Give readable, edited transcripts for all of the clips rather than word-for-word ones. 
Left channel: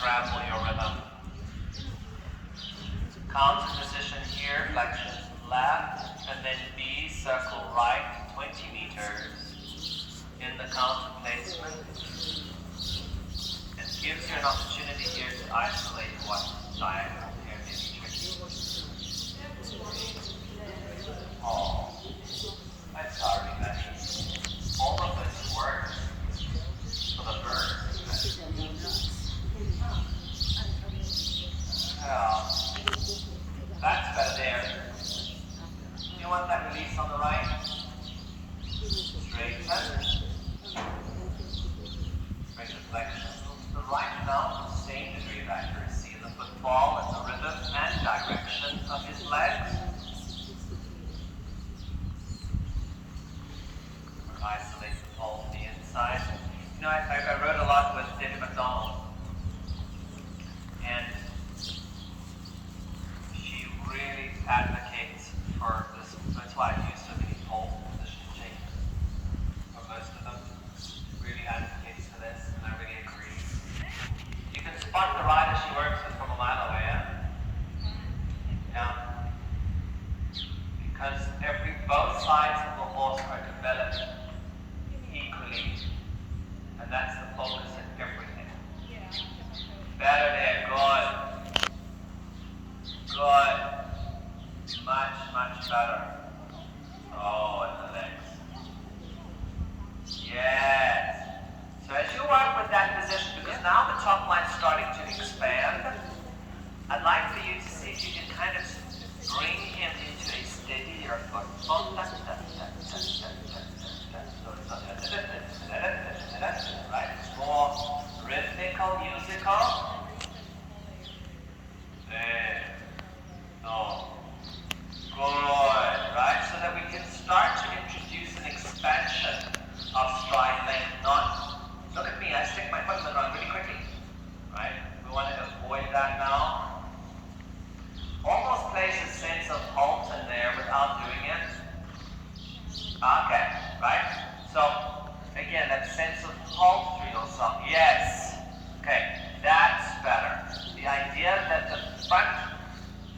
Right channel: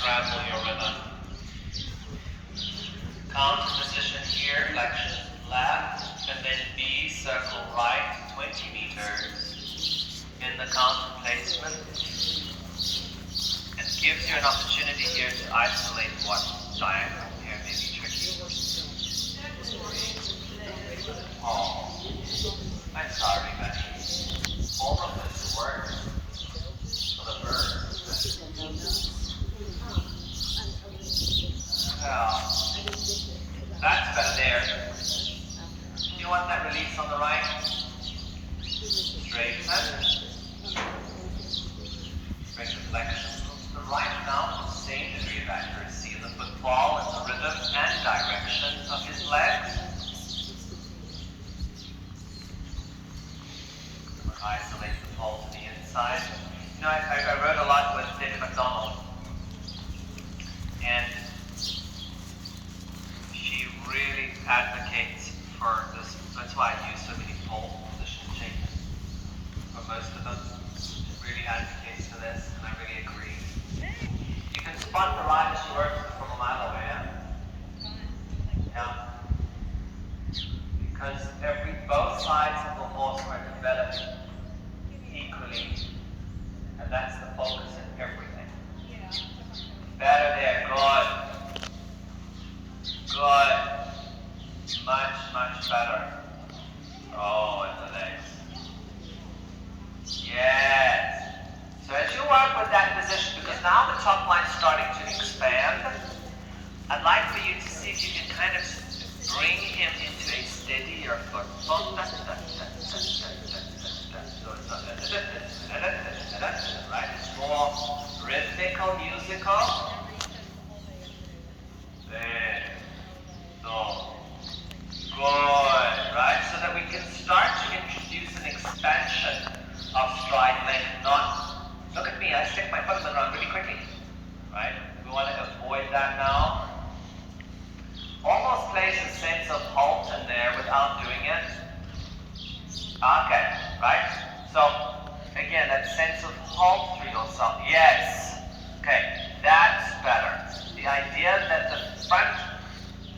scramble your rhythm. Counter position here, flexion left, and then B, circle right, 20 meters in the counter placement. And gives you an opportunity here to isolate what diagonal here may be tricky. Oh, I'm sorry, Becky. All of this works for the bird. Yeah. That's better there. You want that release on the right? Straighten. Bring the flexion to the right now, same degree of accuracy. The football is the rhythm and direction of his legs. Isolate the ball to the inside. You know, I wrote a lot with David McDonald. And she really advocates for this. That's why I use so many pole position changes. For most of them, really advocates for this, and I really agree. You can spot the ride as she works it from a mile away. Yeah. Because both sides of the horse are developed equally, and that's the focus in everything. Better there, good. Good. Much, much better. Oh, and the legs. Yes. So as you work with that position, because now the top line's starting to expand, I'd like for you to see if you can kind of bring him into a steadier foot. Right? It's more rhythmical, musical. There. So. Good. Right? So that we can start to introduce an expansion of stride then. Not, look at me, I stick my toes in the ground really quickly. Right? We want to avoid that now. Almost place a sense of halt in there without doing it. Okay, right? So, again, that sense of halt through yourself. Yes. Okay, that's better. The idea that the front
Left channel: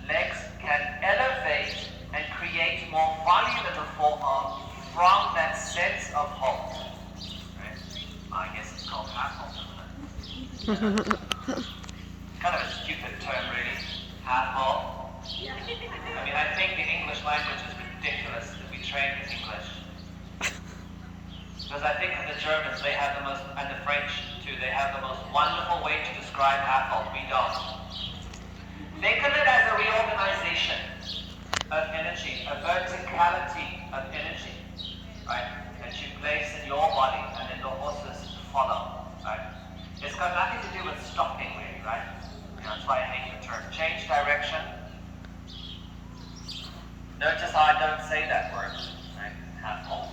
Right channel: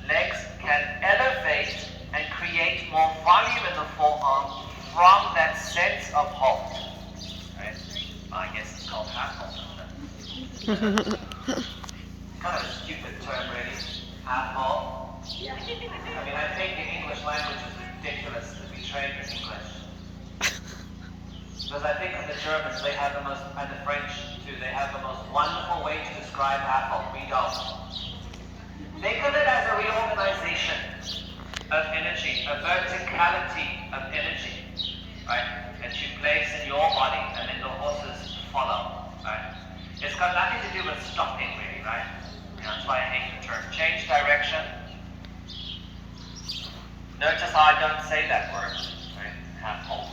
legs can elevate and create more volume in the forearm from that sense of halt. Right? Well, I guess it's called half halt. Kind of a stupid term, really. Half halt. I mean, I think the English language is ridiculous that we train in English. Because I think the Germans, they have the most, and the French too, they have the most wonderful way to describe half halt. We don't. Think of it as a reorganization of energy, a verticality of energy, right? That you place in your body and in the horses follow, right? It's got nothing to do with stopping, really, right? That's why I hate the term. Change direction. Notice how I don't say that word, right? Half halt.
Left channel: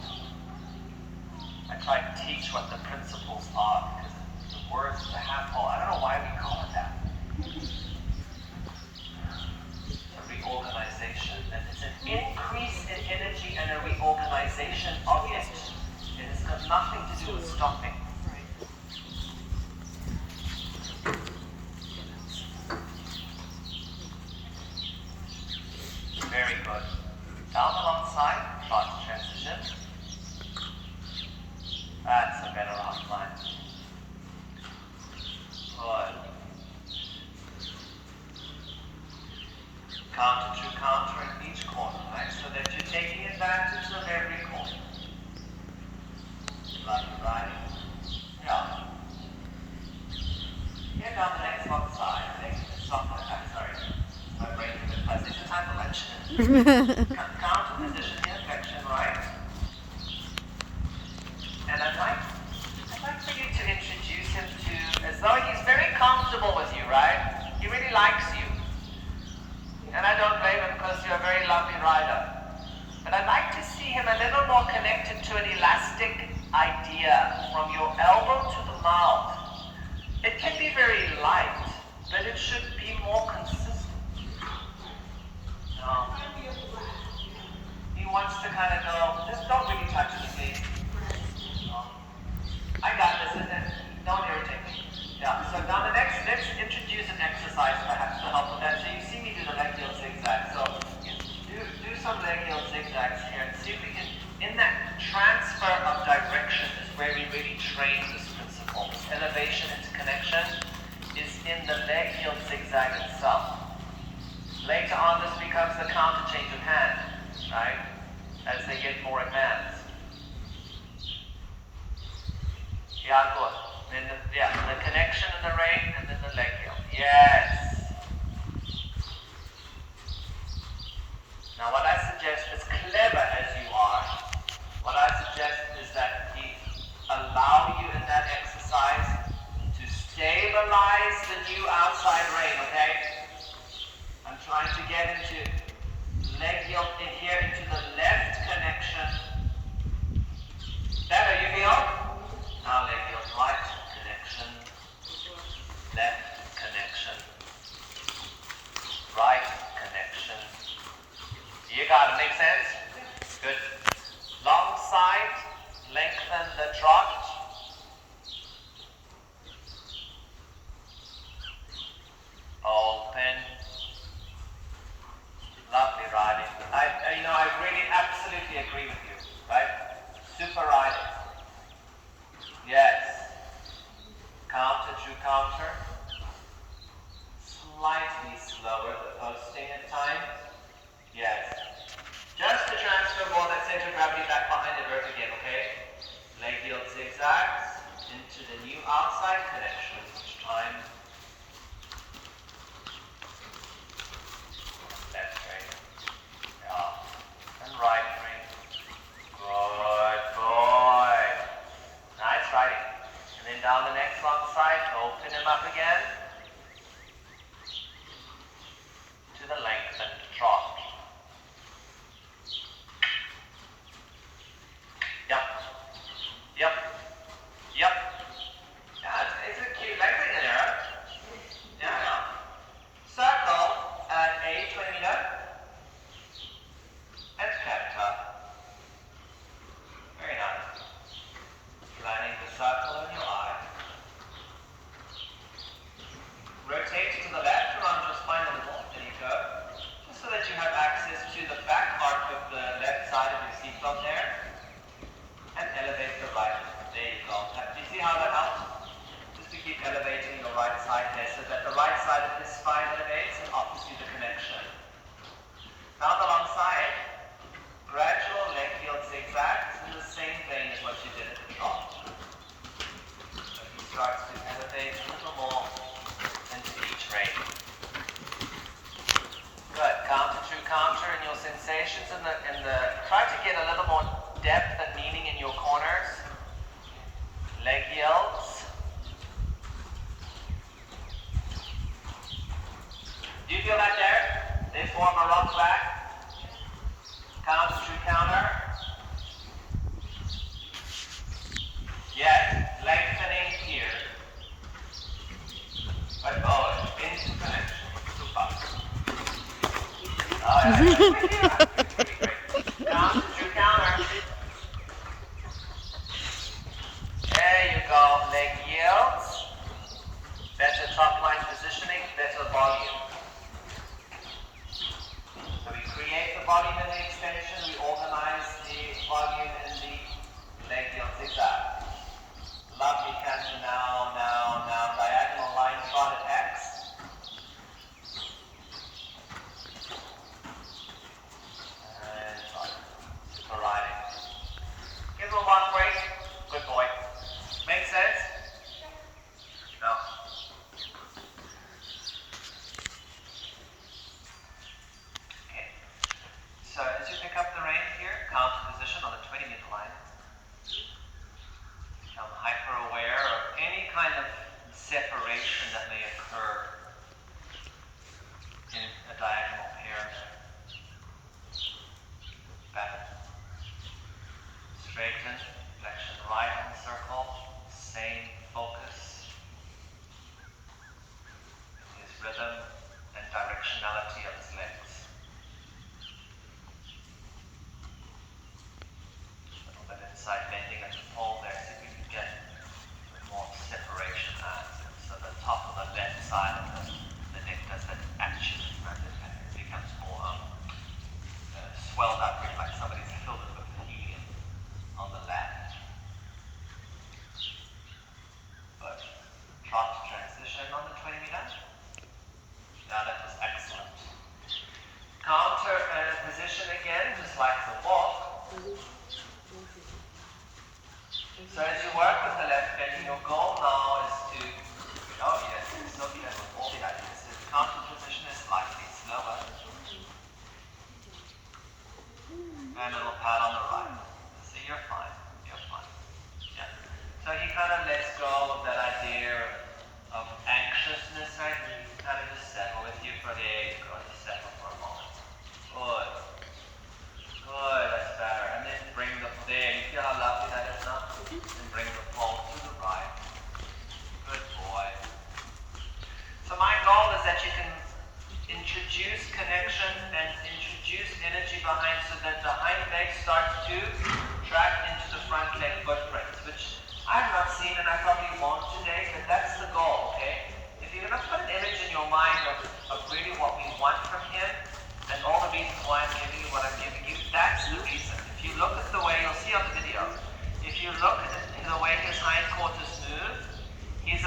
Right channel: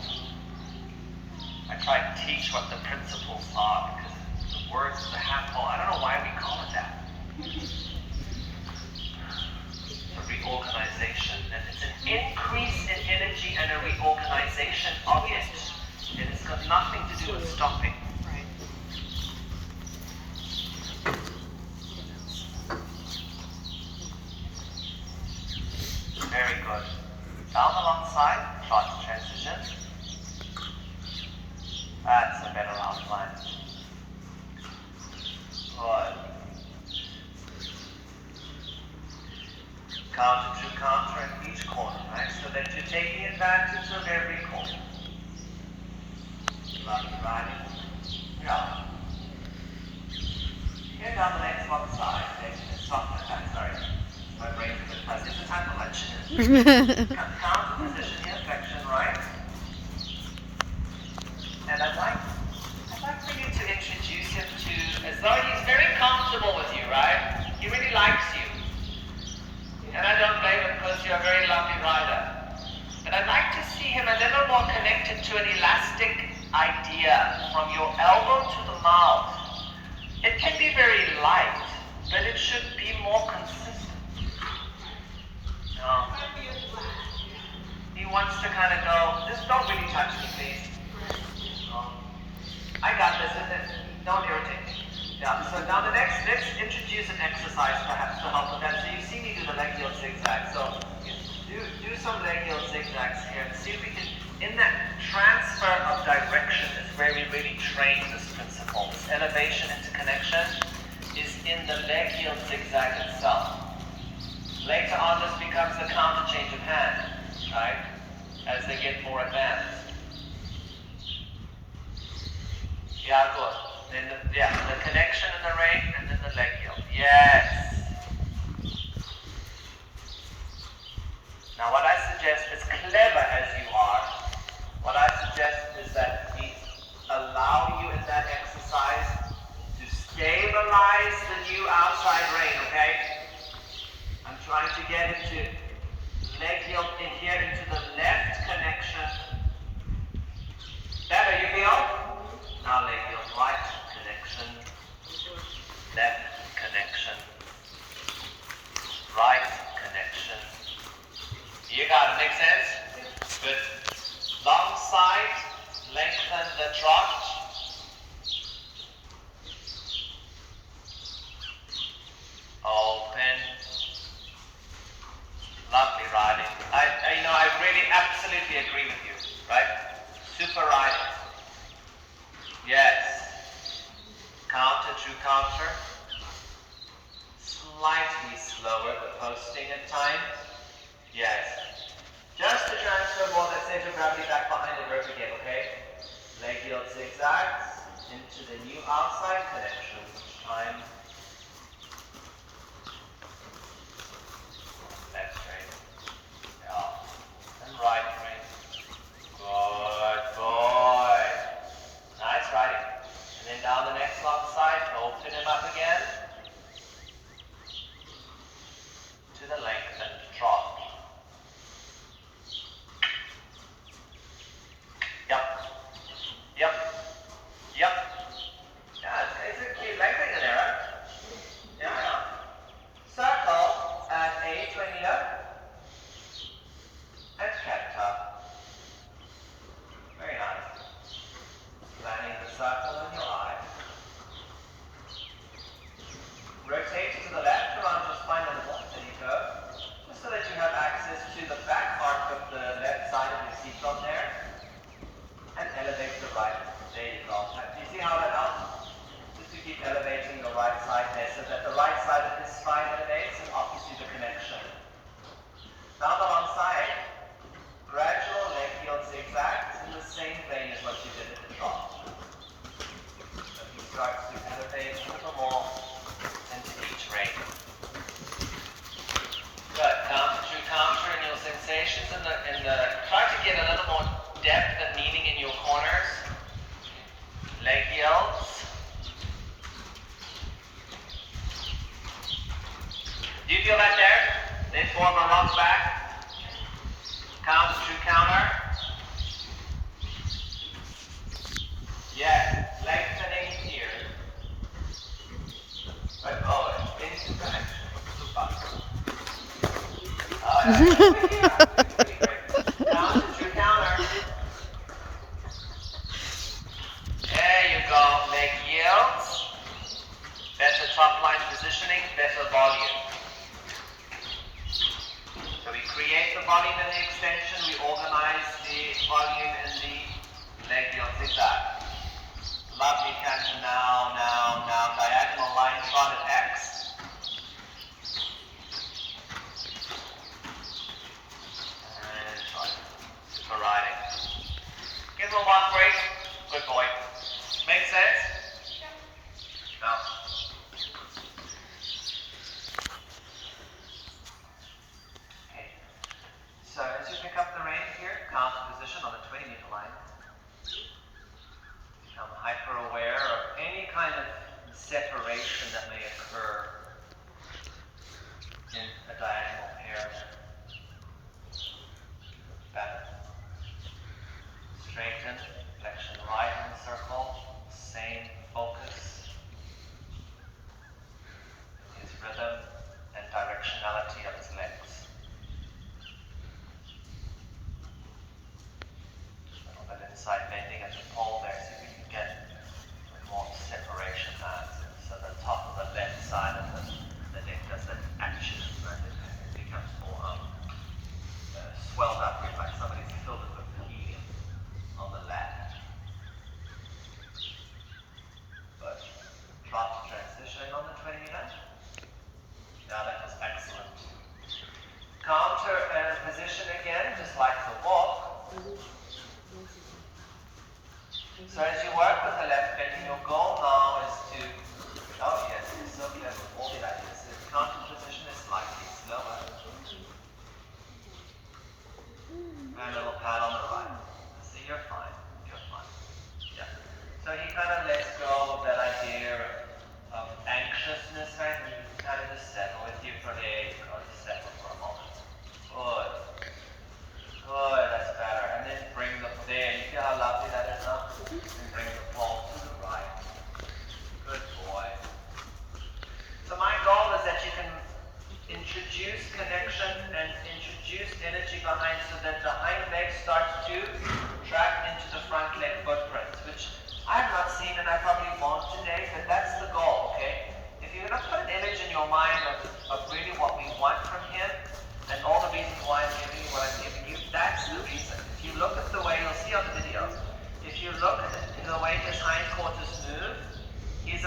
I try to teach what the principles are because the words, the half halt, I don't know why we call it that. Reorganization, and it's an increase in energy and a reorganization of it. And it's got nothing to do with stopping. Right. Very good. Down alongside, fast transition. That's a better outline. Good. Counter to counter in each corner, right? So that you're taking advantage of every corner. Left, right. Yeah. Here down the next one side. Next, soften that. Sorry. My brain is in place. It's time for lunch. Counter position here, flexion right. And I'd like for you to introduce him to, as though he's very comfortable with you, right? He really likes you. And I don't blame him because you're a very lovely rider. But I'd like to see him a little more connected to an elastic idea from your elbow to the mouth. It can be very light, but it should be more consistent. Yeah, so now let's introduce an exercise perhaps to help with that. So you see me do the leg heel zigzag. So do some leg heel zigzags here and see if we can, in that transfer of direction is where we really train this principle. This elevation into connection is in the leg heel zigzag itself. Later on this becomes the counter change of hand, right? As they get more advanced. Yeah, good. Then the connection in the ring and then the leg heel. Yes. Now what I suggest, as clever as you are, what I suggest is that we allow you in that exercise to stabilize the new outside rein, okay? I'm trying to get into leg heel in here into the left connection. Better, you feel? Now leg heel right connection, left connection, right connection. You got it, make sense? Good. Long side, lengthen the trot. Open. Lovely riding. I really absolutely agree with you, right? Super riding. Yes. Counter, true counter. Slightly slower, the posting at times. Yes. Just to transfer more of that center of gravity back behind the vert again, okay? Leg heel zigzags into the new outside connection each time. Left rein. Yeah. And right rein. Good boy. Nice riding. And then down the next long side, open him up again. To the lengthened trot. Yep. Yep. Yep. Yeah, it's a cute leg ring in there. Yeah. Circle and A to Anita. And Hector. Very nice. Planning the circle in your eye. Rotate to the left around your spine a little. There you go. Just so that you have access to the back part of the left side of your seatbelt there. And elevate the right. There you go. Do you see how that helps? Just to keep elevating the right side there so that the right side of his spine elevates and offers you the connection. Down the long side, gradual leg heel zigzags in the same vein as what you did at the trot. So he starts to elevate a little more into each rein. Good. Counter through counter in your sensations in the try to get a little more depth and meaning in your corners. Leg heels. Do you feel that there? Then form a rock back. Counter through counter. Yes. Lengthening here. But into connection. Counter through counter. There you go. Leg yields. Better top line positioning, better volume. So we create the volume in the extension, we organize the volume in the leg yield zigzag. Lovely canter now, diagonal line trot at X. And trot. Super riding. Give him a walk break. Good boy. Make sense? No. Okay. So as you pick up the rein here, counter position on the 20-meter line. Become hyper-aware of any kind of separation that may occur in a diagonal pair. Back. Straighten, flexion right in the circle, same focus. His rhythm and directionality of his legs. Little bit inside bending at the pole there, see if we can get more separation out. So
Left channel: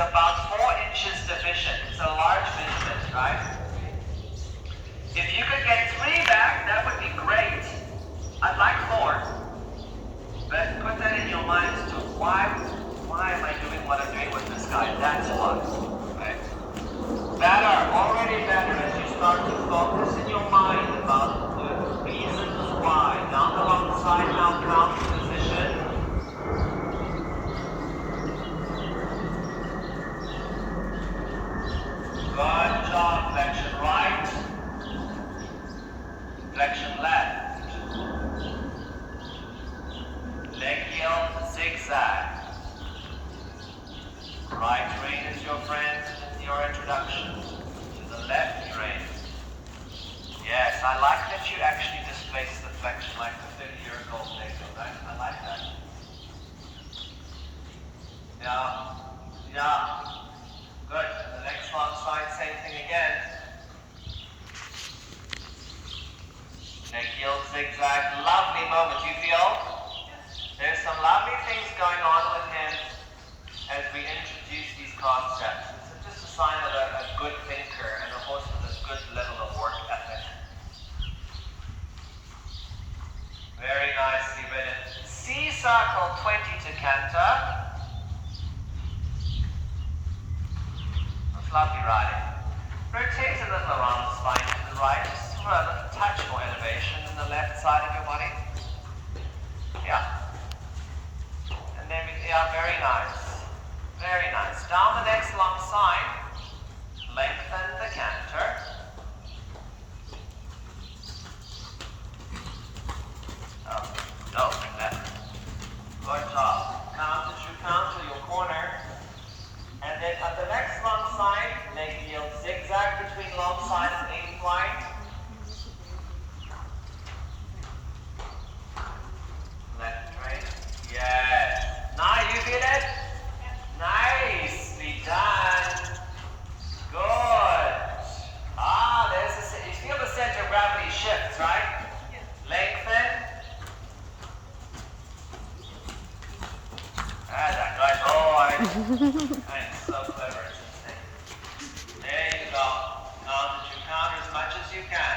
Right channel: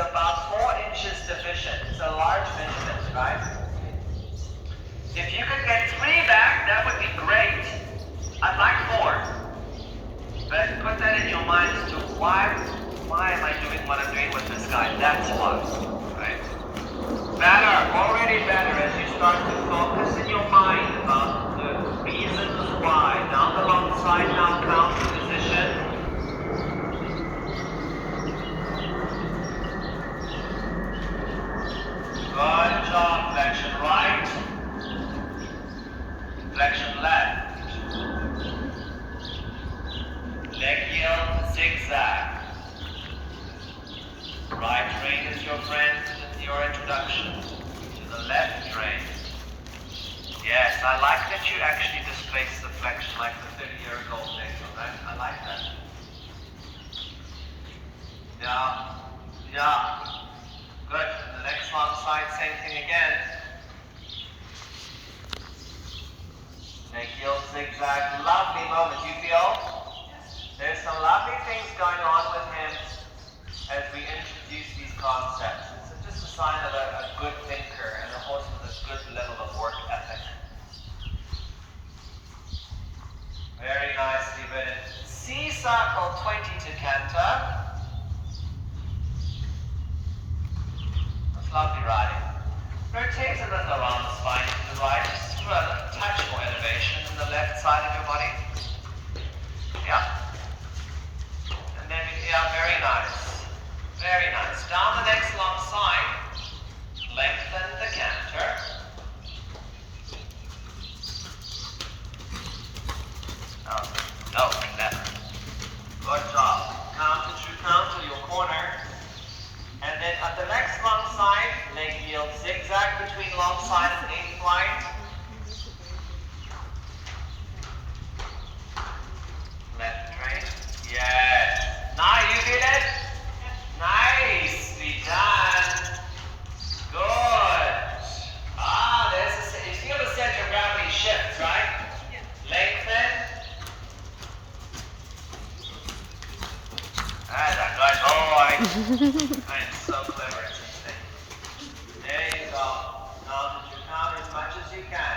about 4 inches deficient. It's a large measurement, right? If you could get 3 back, that would be great. I'd like 4. But put that in your mind as to why am I doing what I'm doing with this guy? That's what, right? Better, already better as you start to focus in your mind about the reasons why. Down the long side now, count the position. Good job. Flexion right. Flexion left. Leg yield, zigzag. Right train is your friend in your introduction to the left train. Yes, I like that you actually displace the flexion like the 30-year-old thing, right? I like that. Yeah. Good. And the next long side, same thing again. Leg yield, zigzag. Lovely moment. You feel? There's some lovely things going on with him as we introduce these concepts. It's just a sign of a good thinker and a horse with a good level of work ethic. Very nicely written. C circle 20 to canter. That's lovely riding. Rotate a little around the spine to the right, just for a touch more elevation in the left side of your body. Yeah. And then, very nice. Very nice. Down the next long side. Lengthen the canter. Open that. Good job. Counter to counter your corner. And then at the next long side, leg yield zigzag between long side and aiming line. Left train. Yes. Now you feel it? Nicely done. Good. You feel the center of gravity shift, right? Yeah. Lengthen. That's a good boy. I'm so clever. There you go. Now that you counter as much as you can.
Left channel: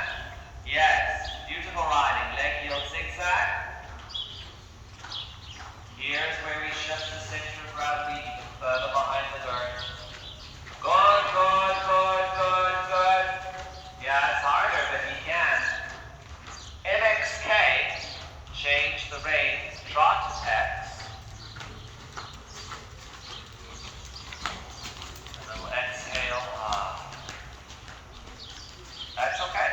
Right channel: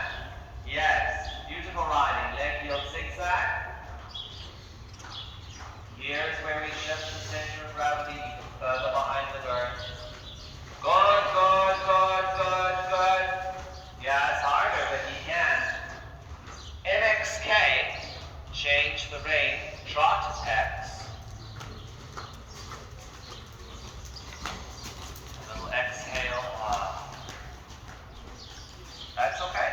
Yes. Beautiful riding. Leg yield zigzag. Here's where we shift the center of gravity further behind the earth. Good. Yeah, it's harder, but you can. MXK, change the rein, trot X. And we'll exhale. That's okay.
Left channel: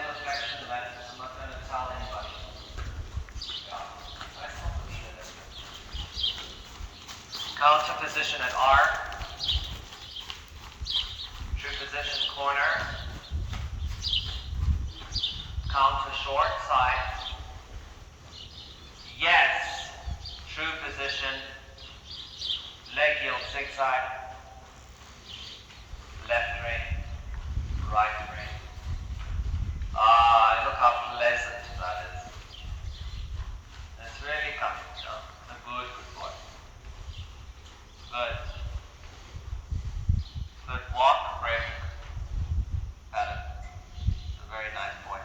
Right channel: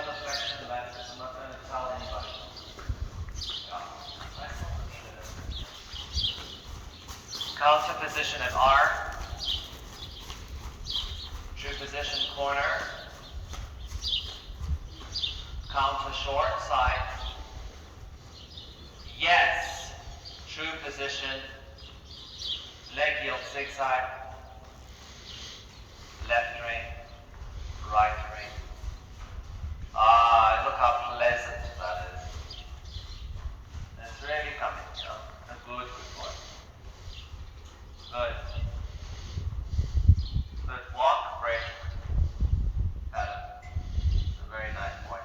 in the flexion of the leg, I'm not going to tell anybody. Yeah, that's not needed. Counter position at R. True position corner. Counter short side. Yes. True position. Leg yield zigzag. Left ring. Right ring. Ah, look how pleasant that is. It's really coming, you know. A good work. Good. Good walk, break. Pattern. A very nice boy.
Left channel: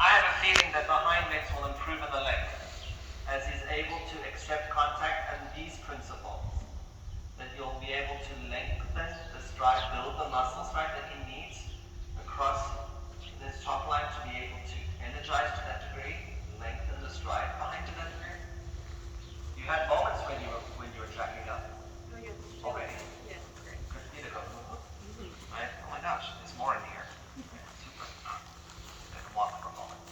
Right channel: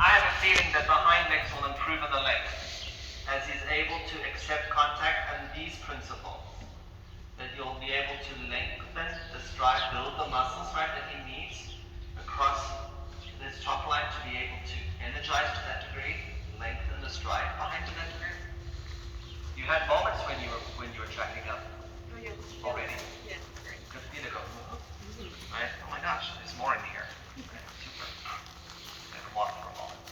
I have a feeling that behind legs will improve in the length as he's able to accept contact and these principles. That you'll be able to lengthen the stride, build the muscles, right, that he needs across this top line to be able to energize to that degree, lengthen the stride behind to that degree. You had moments when you were tracking up. Oh, yeah. Already. Yeah, great. Good for you to go. Right? Oh my gosh, there's more in here. Yeah, super. Good walk for a moment.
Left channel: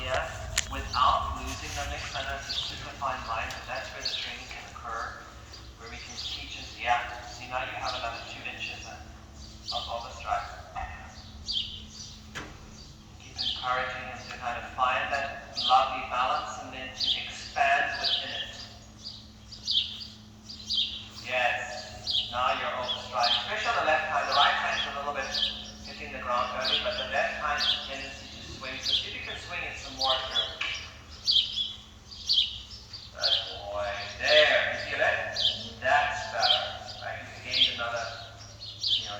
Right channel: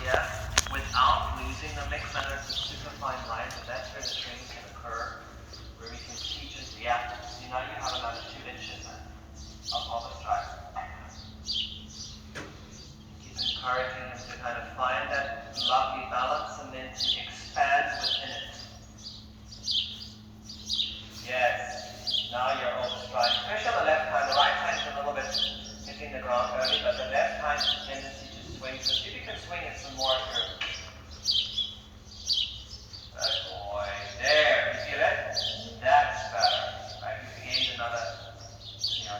Yeah, without losing the mix, and it's a super fine line, but that's where the training can occur, where we can teach it. Yeah, see now you have another 2 inches of a stride. Keep encouraging him to kind of find that lovely balance and then to expand within it. Yes, now you're over stride. Especially on the left hand, the right hand is a little bit hitting the ground early, but the left hand has a tendency to swing. So see if you can swing it some more through. Good boy. There, you see that? That's better. Right? You gained another,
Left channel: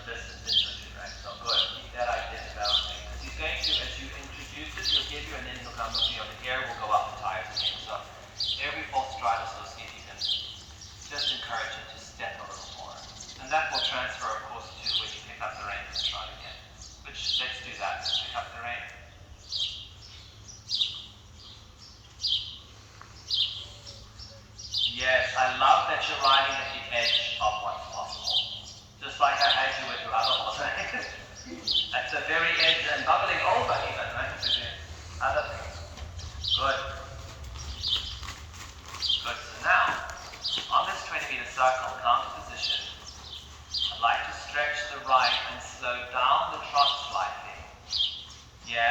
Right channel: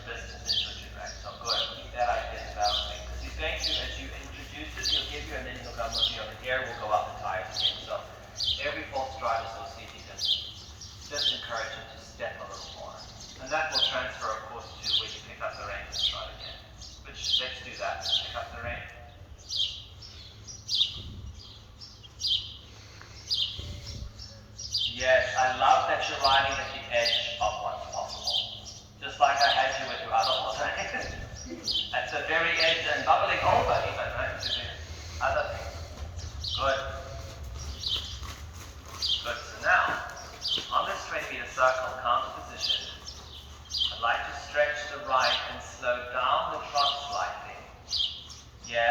distance into it, right? So good. Keep that idea developing. Because he's going to, as you introduce it, he'll give you an initial number here. The hair will go up the tires again. So every full stride is so see if you can just encourage him to step a little more. And that will transfer, of course, to when you pick up the rein and stride again. Which, let's do that. Pick up the rein. Yes, I love that you're riding at the edge of what's possible. Just like I had you with your other horse. At the very edge and bubbling over even, right? To the other thing. Good. Good. So now, on this 20-meter circle, counter position, I'd like to stretch the right and slow down the trot slightly. Yes.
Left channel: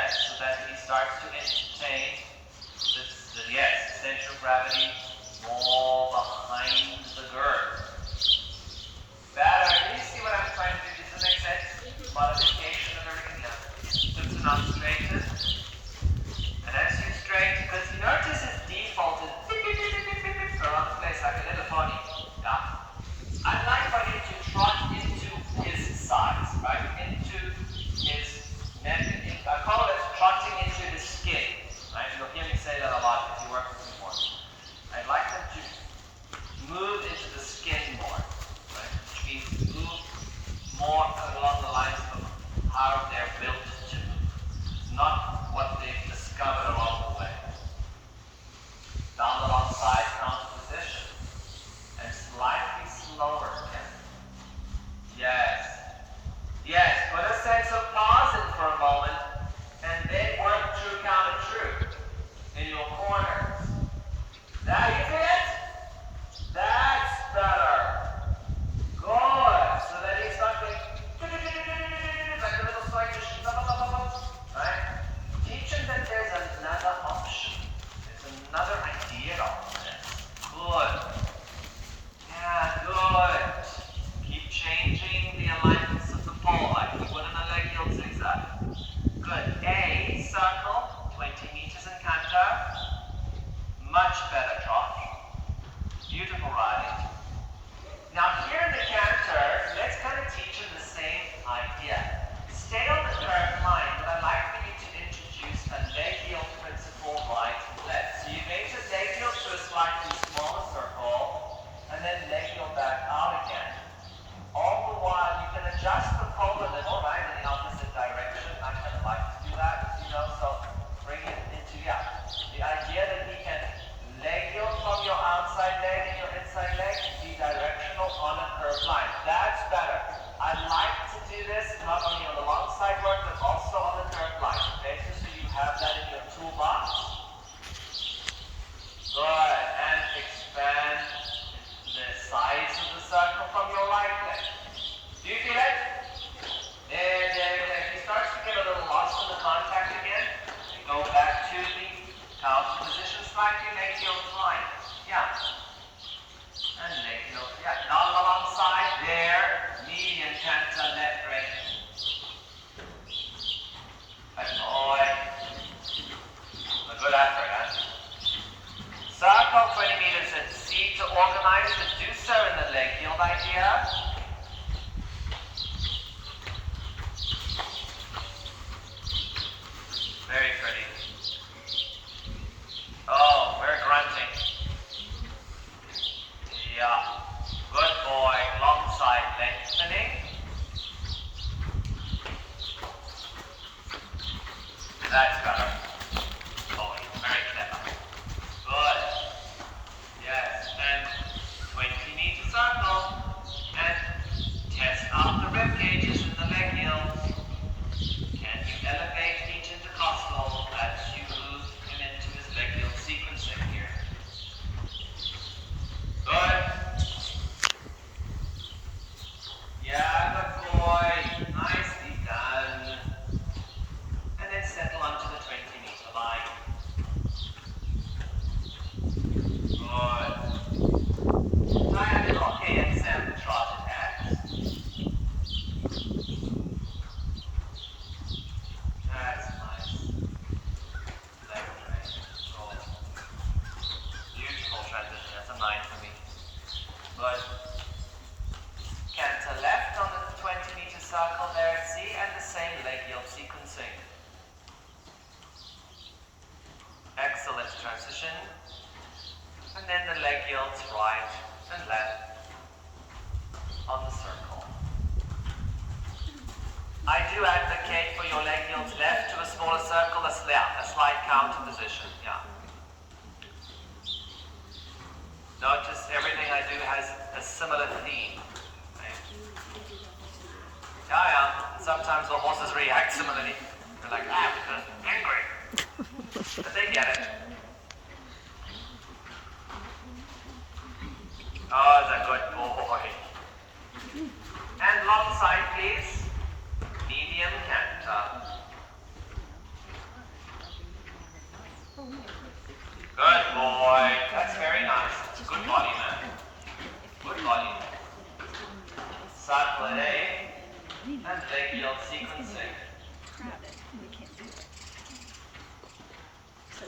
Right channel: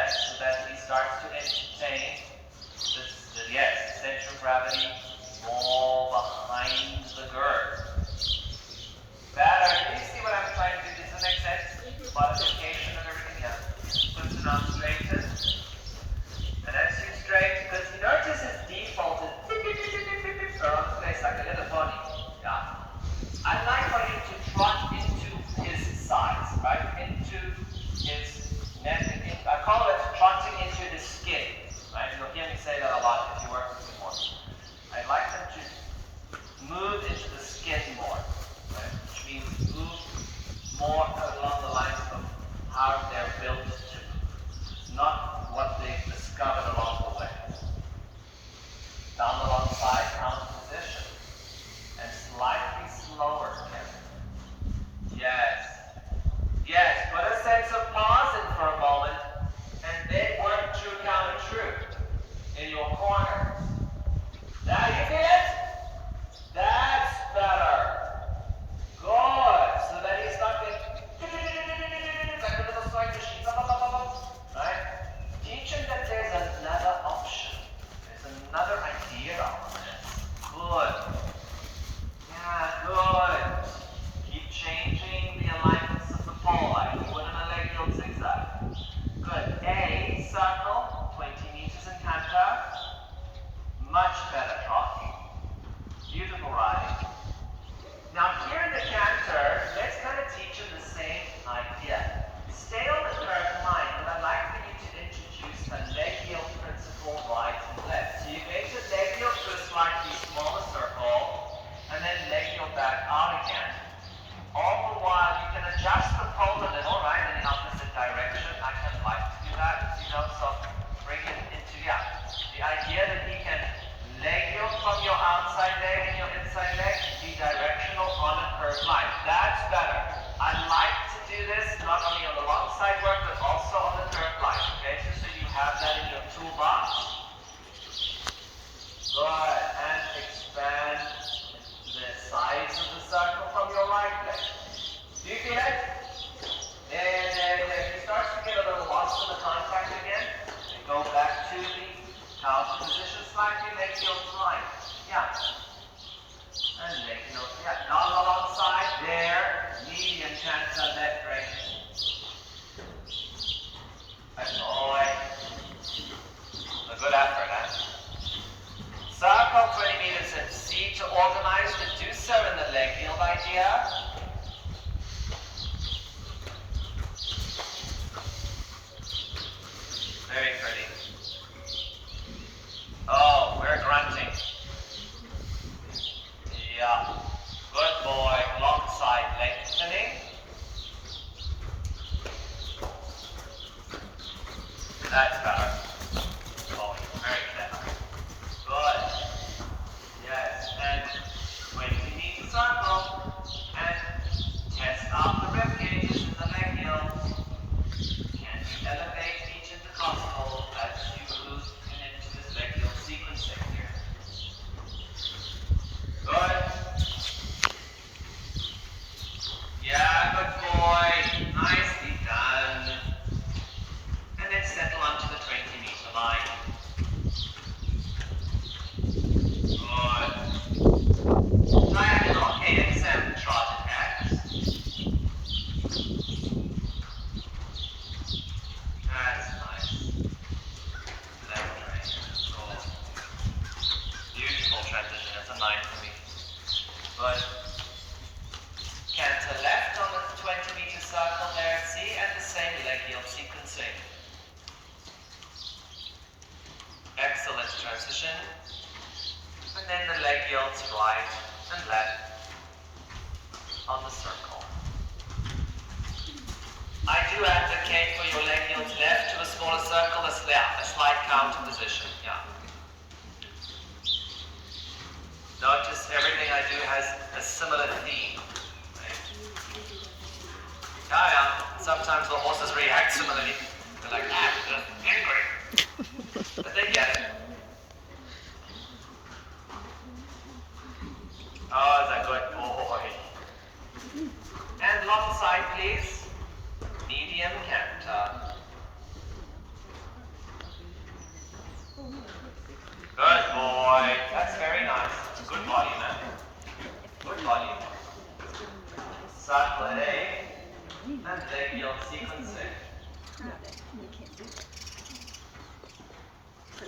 So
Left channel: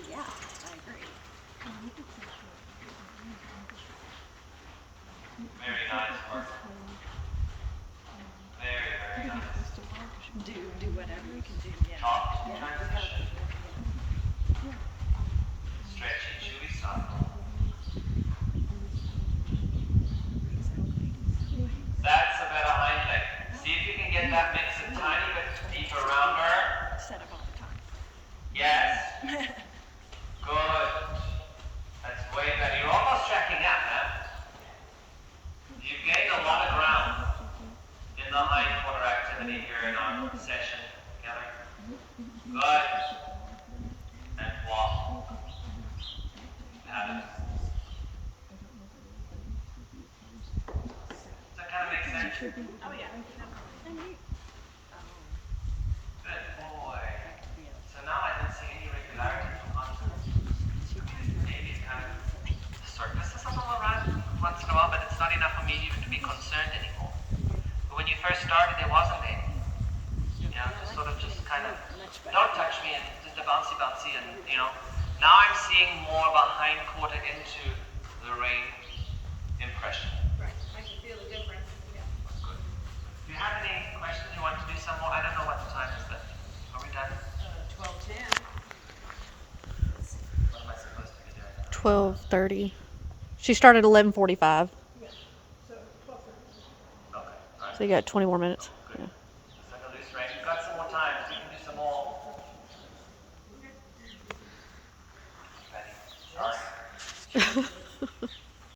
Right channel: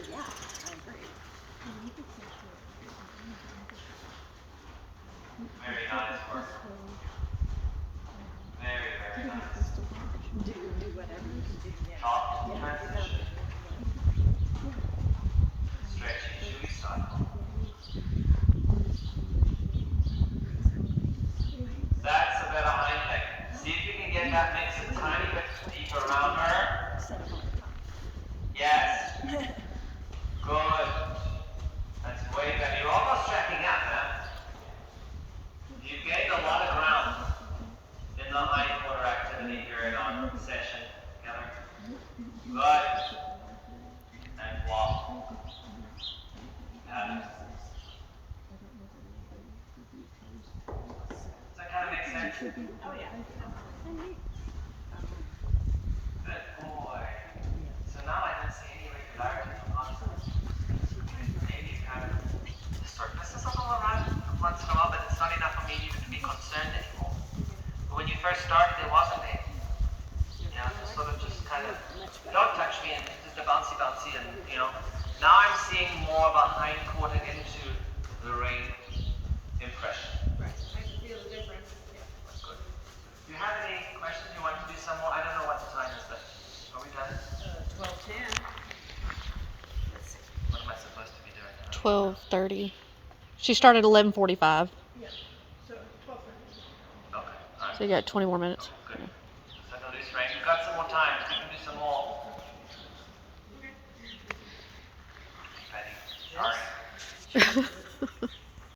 yeah, I agree. Very nice work. Very, very nice. Do whatever you can do. Yeah. Top transition. Stretchy chewy cycle. That's a better hind leg. See if you can get that mix a tiny bit deeper around her. Set of hard time. Yes. Good. That's way better. You're almost checking out now. You've gained a lot of ground in the hind quarter activity here in our session together. Good. And walk. Have it. Does that kind of make sense? Oh yeah. Good boy. So now I don't see any regularity from consonants. Maybe it kind of surfaces a little around once in a while, but it's not enough for me even to be concerned anymore. But when you first started, there wasn't any. You know, just kind of, don't touch me and just a bouncy and, you know. Now I'm seeing more of a hind quarter into the rein impression. Right, I can feel the difference, yeah. Good. Do you have any questions? You want to do some more? I don't know what the time is, but are we done? 12:10. What am I supposed to be doing? 12:30. She started 11:45, Yeah, so 12:30. Okay, all right. so you got 20 more minutes. Good. Second loose rein. You've got some more time. You can do some more. Ready? Start.